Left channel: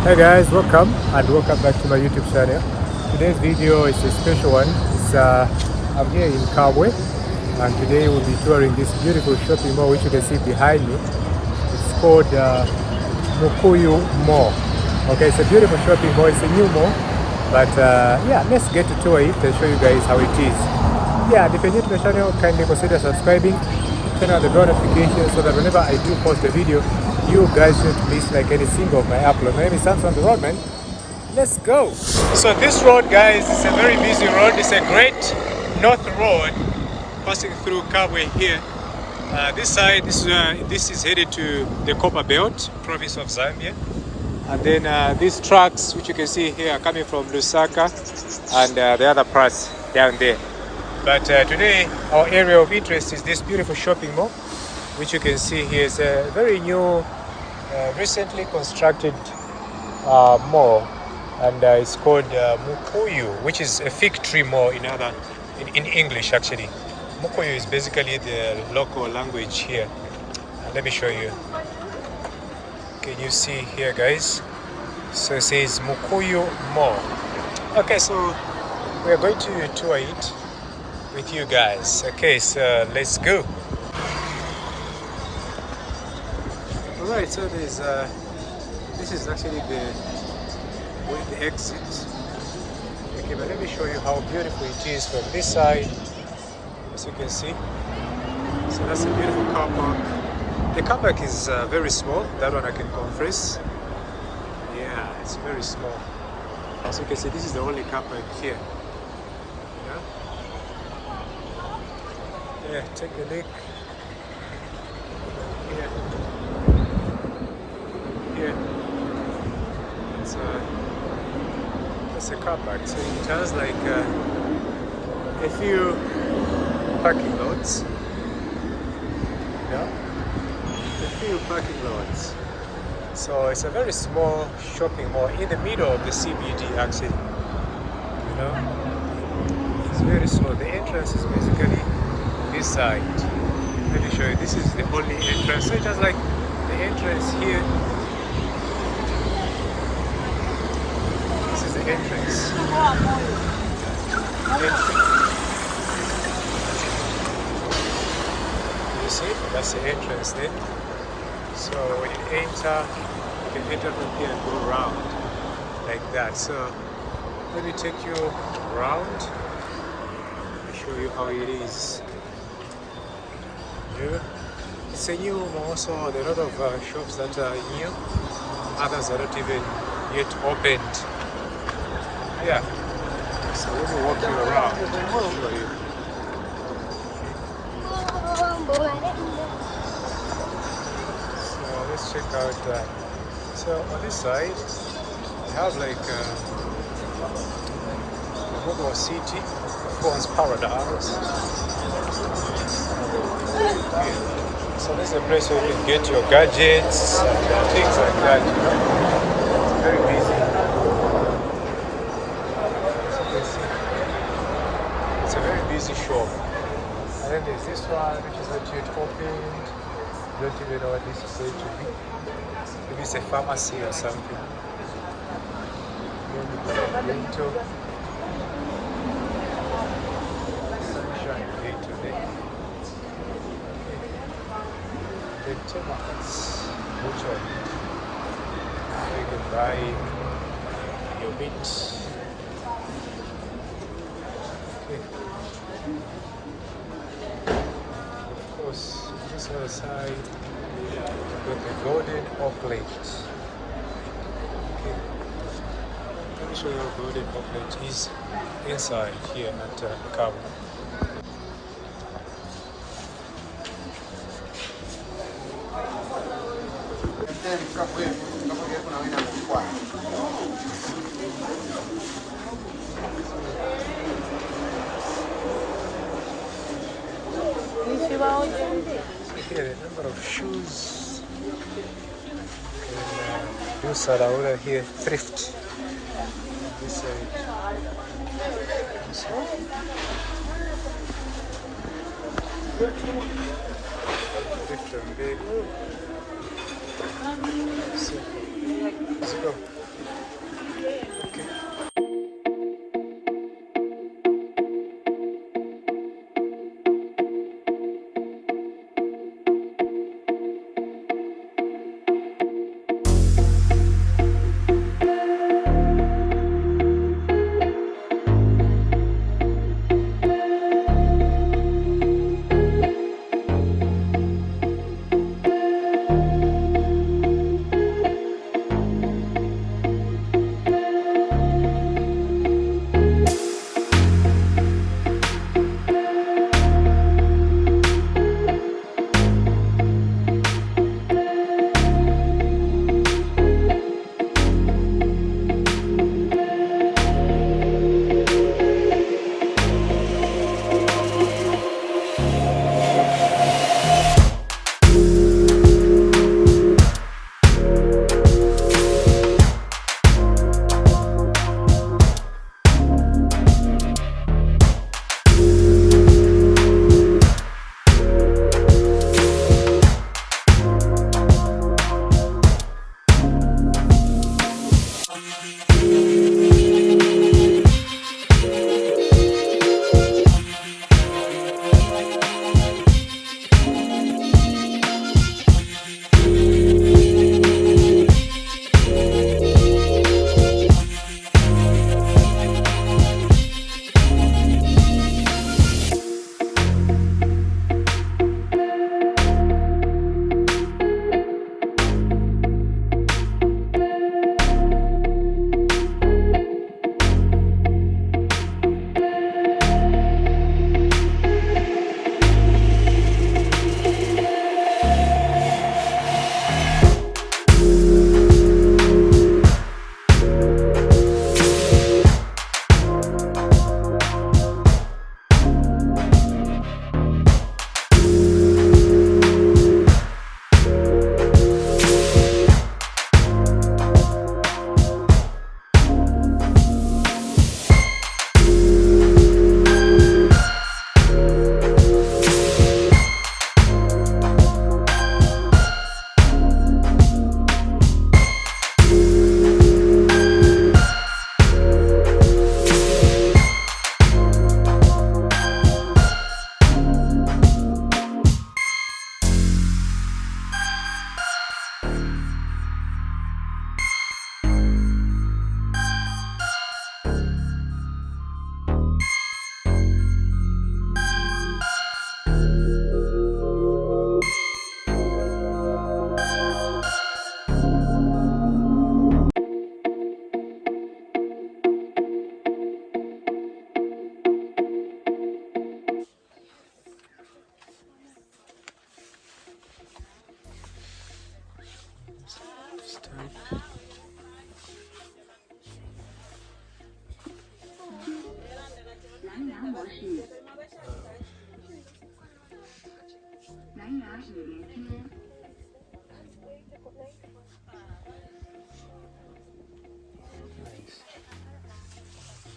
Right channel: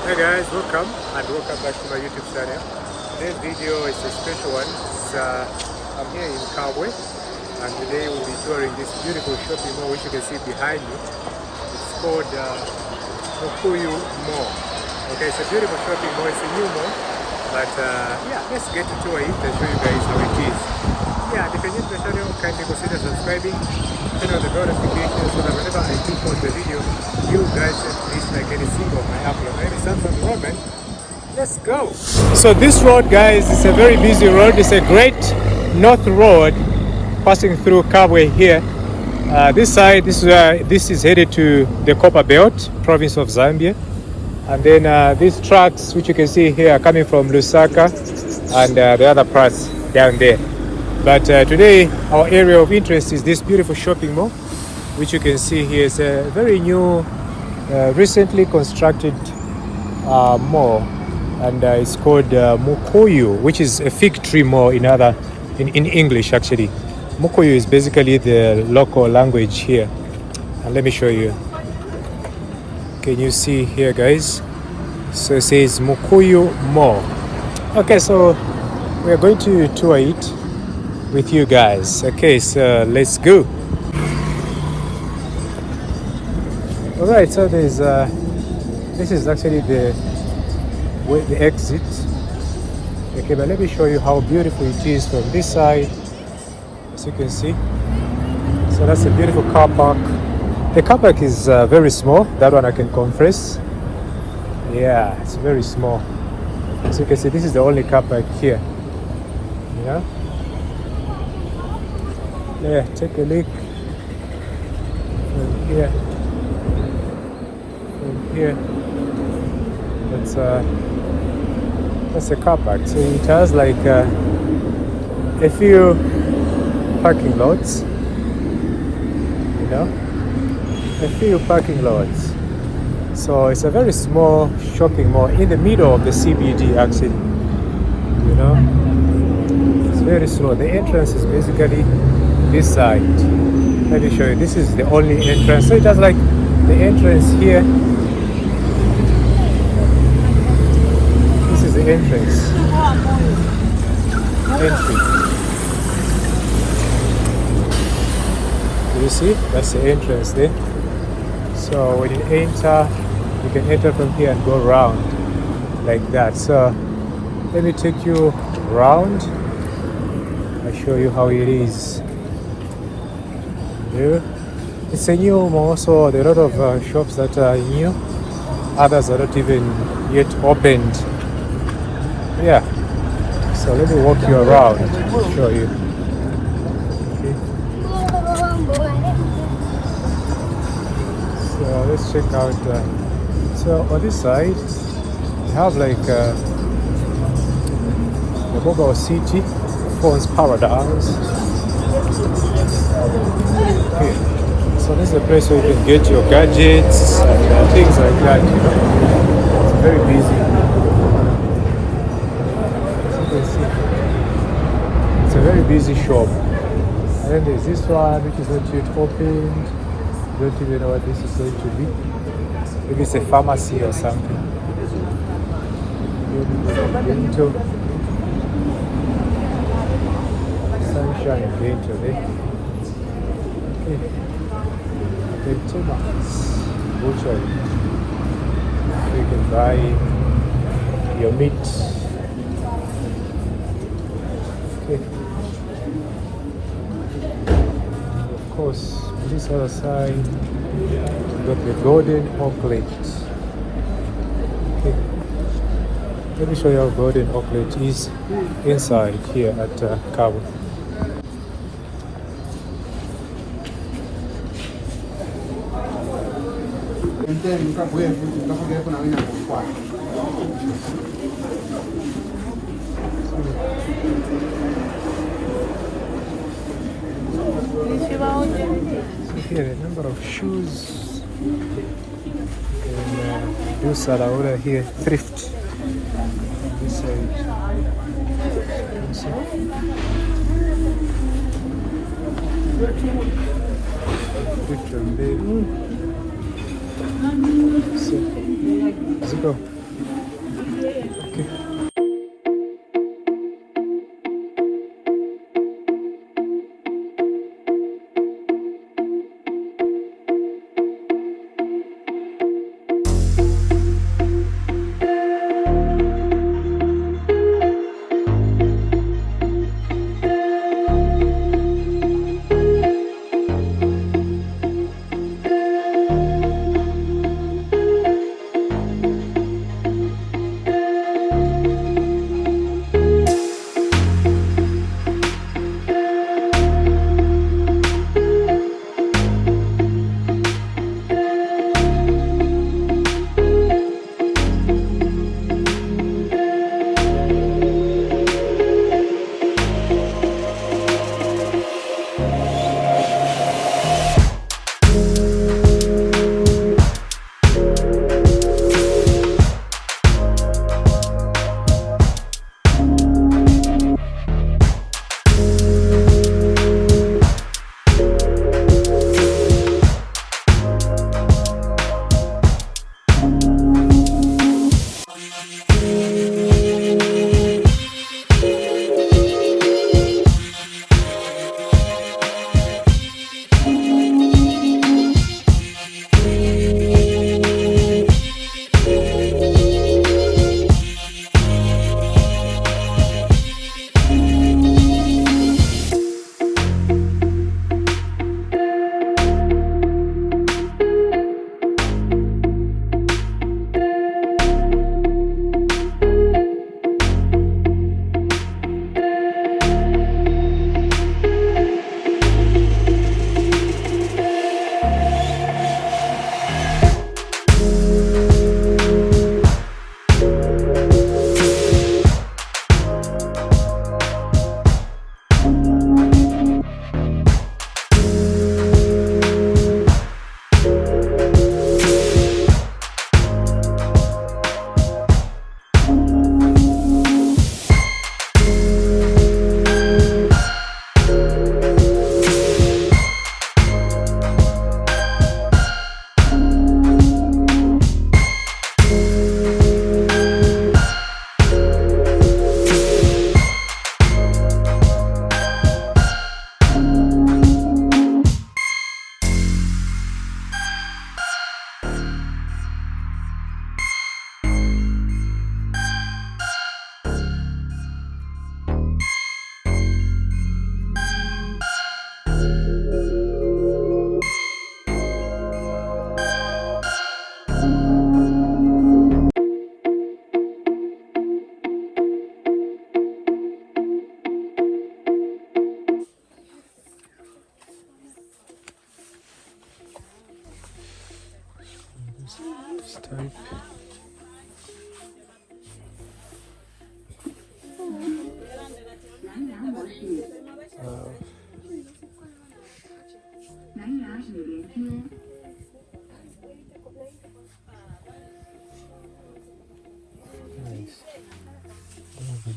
Hey guys, welcome and welcome back to my YouTube channel. Today's video is a special one. I'm here in Kabwe and today we'll be touring this beautiful shopping mall which you can see behind me. It's called Mukuyu Mall. Okay, it's a beautiful shopping mall. It's a new mall, but yeah, let's get to tour it and show you guys how it is. Yeah, and if you're new to the channel, kindly consider subscribing, turn on the bell notification so that whenever I do post the video, you guys should please like any single of my upload. My name is Samson the road man. Let's go. So this road, guys, is a very busy road. It's a great north road passing through Kabwe here. This side, this is headed to the Copper Belt, province of Zambia. And then these trucks, which you can see here, are coming from Lusaka and the other parts down there. But today, our area of interest is this beautiful shopping mall, which you can see here is a very new, recently constructed mall, and it's called Mukuyu, which is a fig tree mall in English actually. Mukuyu is basically the local language here, and let me show you. Can you see here, guys? So it says Mukuyu Mall. Okay, so we are going to tour it with you guys. Okay, so let's go. All right, so there's this is actually the exit. Okay, but let me show you how beautiful it is from this side, as you can see. So that's a beautiful car park. The car park is very small. That one I can confess. Yeah, it's very small. As you can see, this is the only car park here. Yeah. Yeah, take a look from here. From here, that's a car park. So it has like a few parking lots. You know, a few parking lots. So it's a very small shopping mall in the middle of the CBD, actually. You know, it's very small. The entrance is basically this side. Let me show you. This is the only entrance. So it has like the entrance here. This is the entrance. Entry. Can you see? That's the entrance there. So when you enter, you can enter from here and go around like that. So let me take you around. I'll show you how it is. It's a new mall, so there are a lot of shops that are new. Others are not even yet opened. Yeah. So let me walk you around to show you. Okay. So let's check out. So on this side, you have like the mobile city, phone's paradise. Here. So this is a place where you can get your gadgets and things like that, you know. Very busy. As you can see, it's a very busy shop. And then there's this one which is not yet opened. Don't even know what this is going to be. Maybe it's a pharmacy or something. Dental. Sunshine Dental there. The Timax butchery, where you can buy your meat. Okay. Of course, on this other side, we've got the golden oaklet. Okay. Let me show you how golden oaklet is inside here at Kabwe. Here, a number of shoes. And these are over here, thrift. This side. Thrift and bed. So, ziko Okay.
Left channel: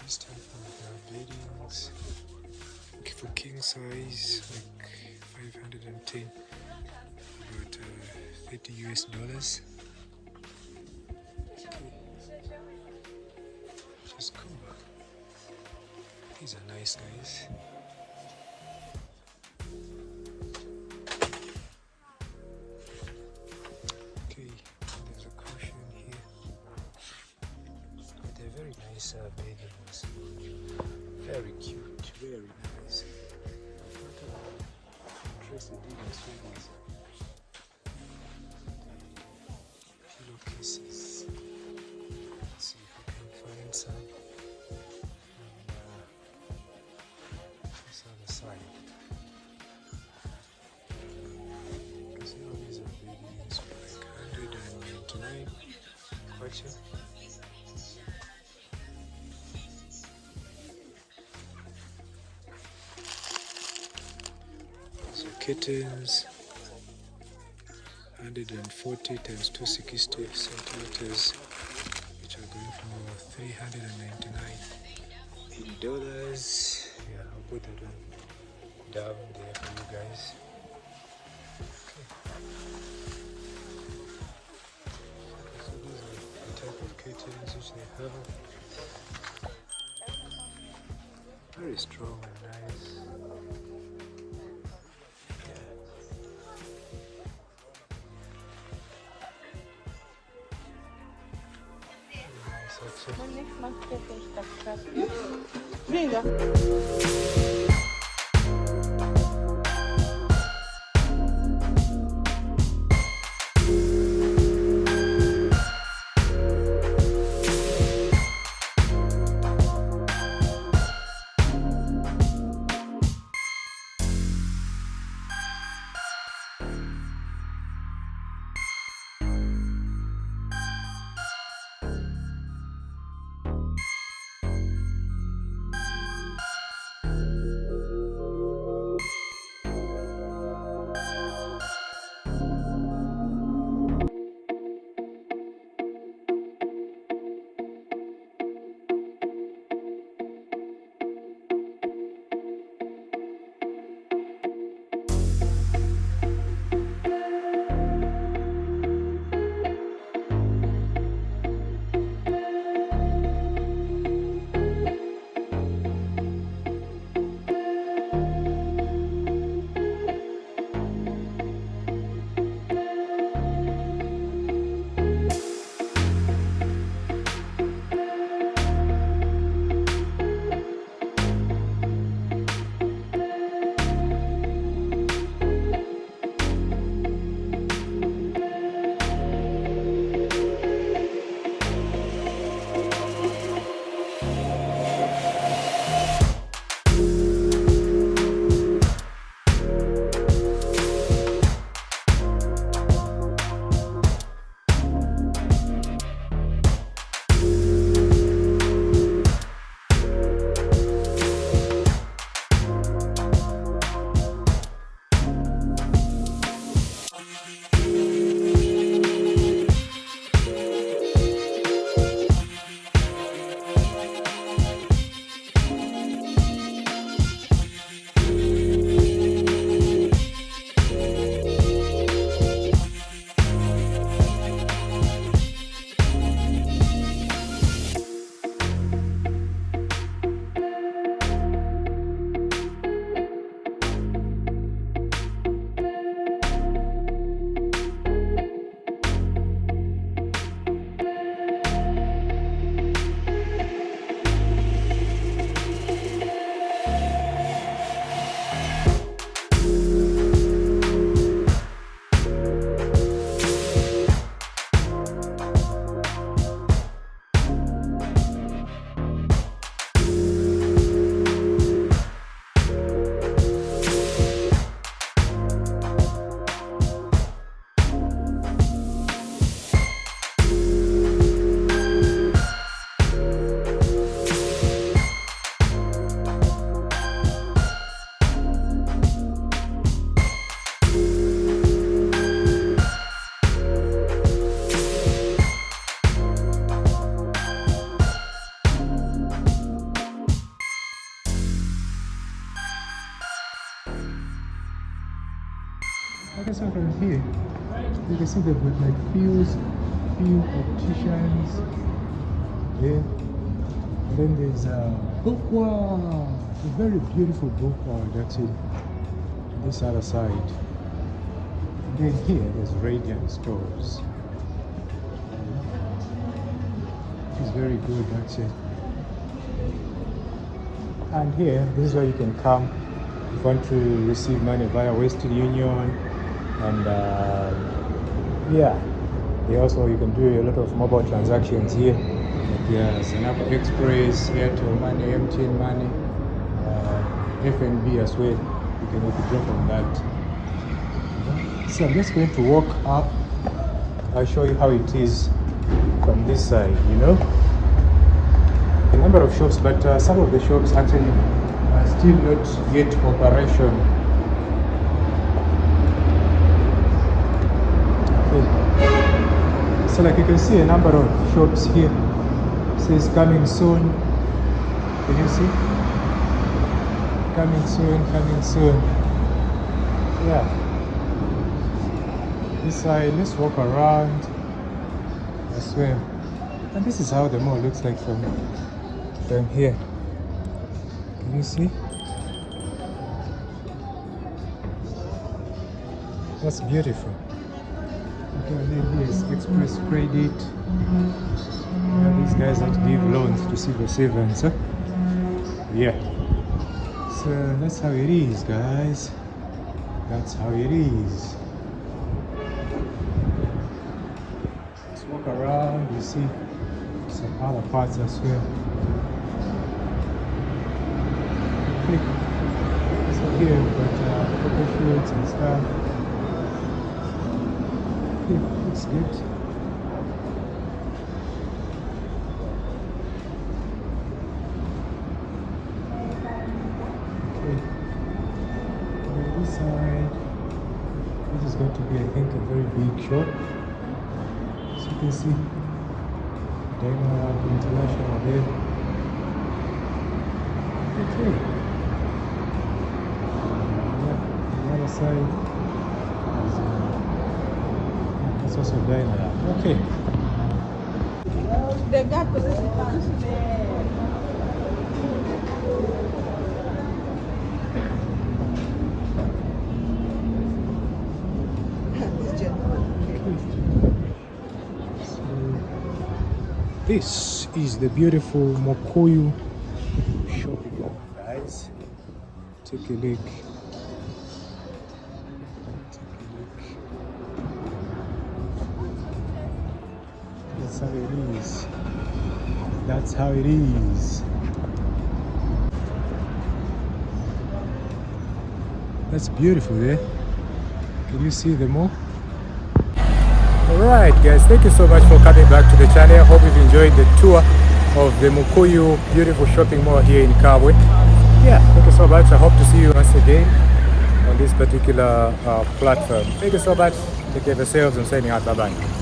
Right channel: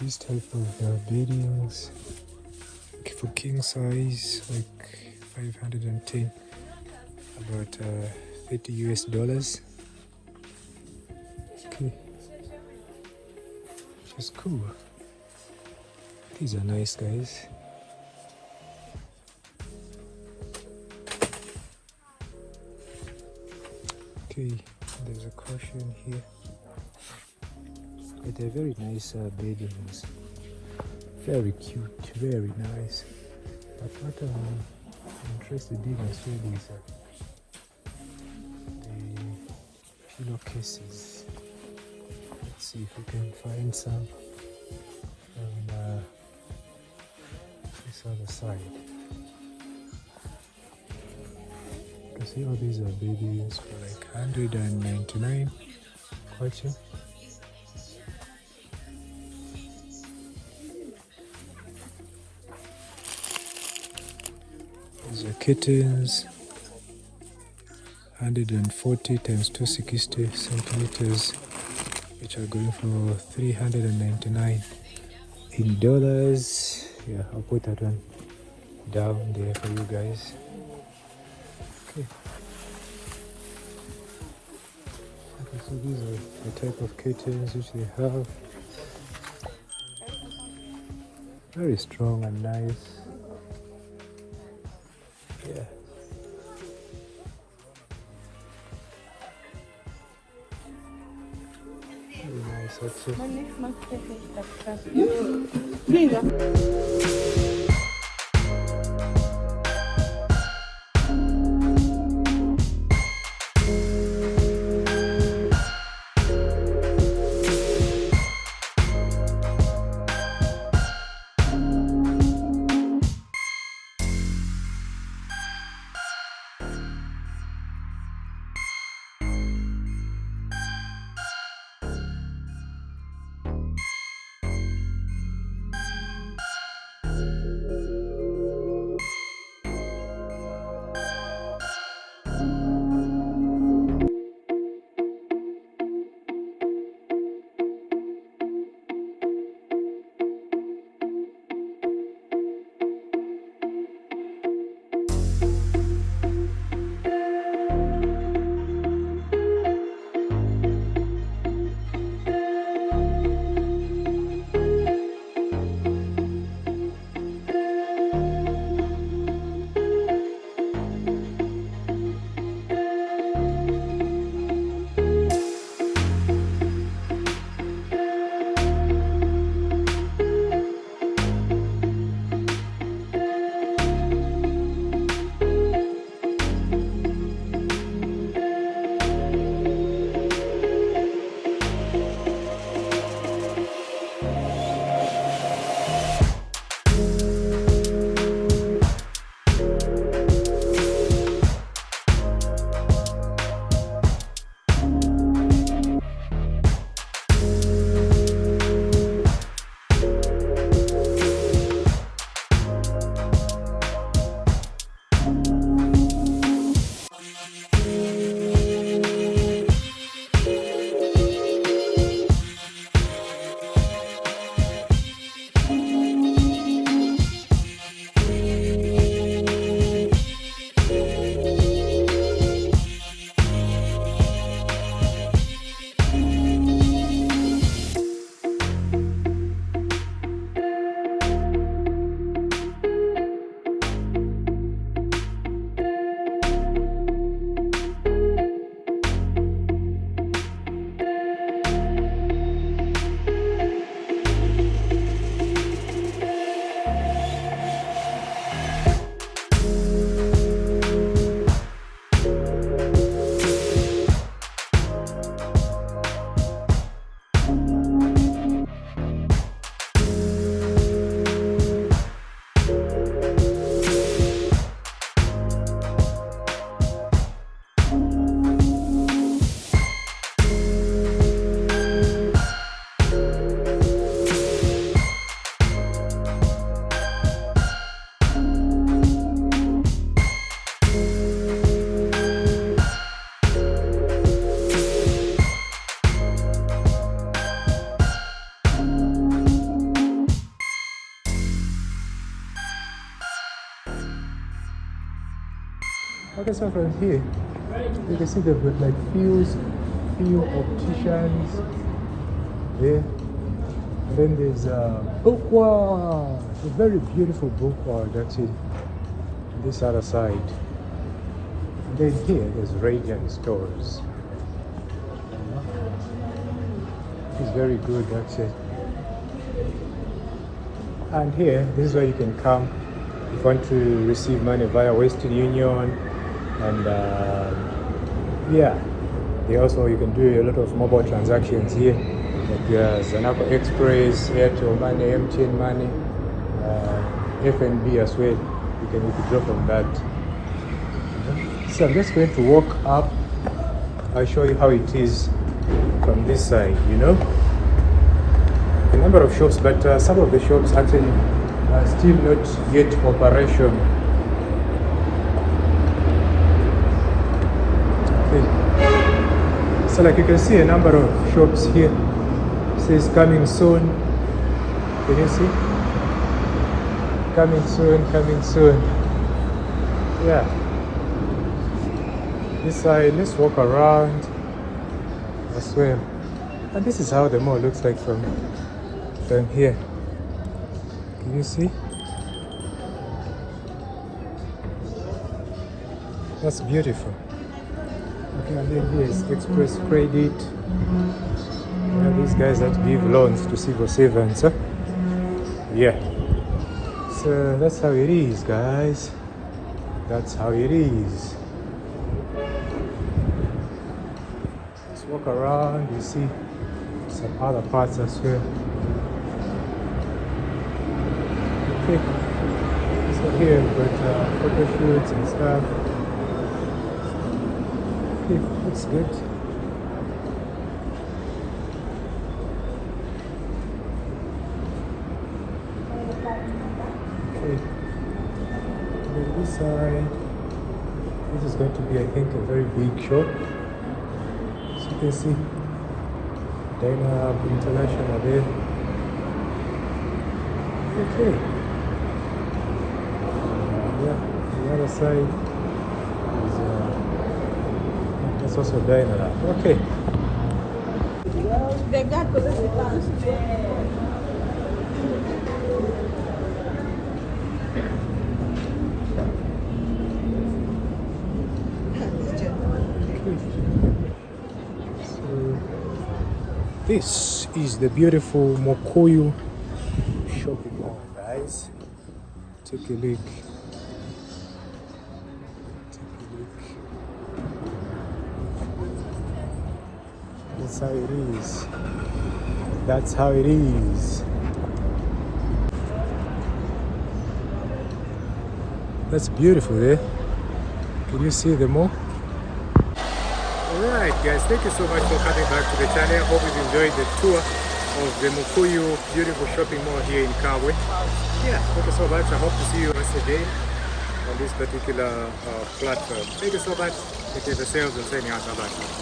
This type of beddings for king size, like 510, about $30 US. Okay. Just cool. These are nice, guys. Okay, there's a cushion here. But they're very nice beddings. Very cute, very nice. But what I'm interested in instead is the pillowcases. Let's see if we can find some from this other side. You can see all these are beddings for like 199 voucher. These are kittens, 140 times 260 centimeters, which are going for 399 in dollars. Yeah, I'll put that one down there for you guys. Okay. Okay, so these are the type of kittens which they have. Very strong and nice. Yeah. Very nice actually. Okay, so from here, you can see they've got like few opticians there. Then there's bookwa, a very beautiful bookwa that's in this other side. And then here there's Radiant stores. It's very good, that's it. And here, this is where you can come if you want to receive money via Western Union. And yeah, also you can do a lot of mobile transactions here. Like there's another Express, Airtel Money, MTN Money, FNB as well. You can withdraw from that. So I'm just going to walk up. I'll show you how it is from this side, you know. A number of shops, but some of the shops actually are still not yet operational. Okay. So like you can see a number of shops here. It says coming soon. Can you see? Coming soon, coming soon. Yeah. This side, let's walk around as well. And this is how the mall looks like from here. Can you see? That's beautiful. Okay, and then here is Express Credit. Yeah, these guys that give loans to civil servants. Huh? Yeah. So that's how it is, guys. That's how it is. Let's walk around. You see some other parts as well. Okay. So here we've got photo shoots and stuff. Okay, looks good. This side, this is going to be, I think, a very big shop. As you can see, Diner International there. Okay. Yeah, the other side is also Diner. Okay. This is the beautiful Mukuyu shopping mall, guys. Take a look. Take a look. That's how it is. That's how it is. That's beautiful there. Can you see the mall? Alright guys, thank you so much for coming back to the channel. Hope you've enjoyed the tour of the Mukuyu beautiful shopping mall here in Kabwe. Yeah, thank you so much. I hope to see you once again on this particular platform. Thank you so much. Take care of yourselves and signing out. Bye-bye.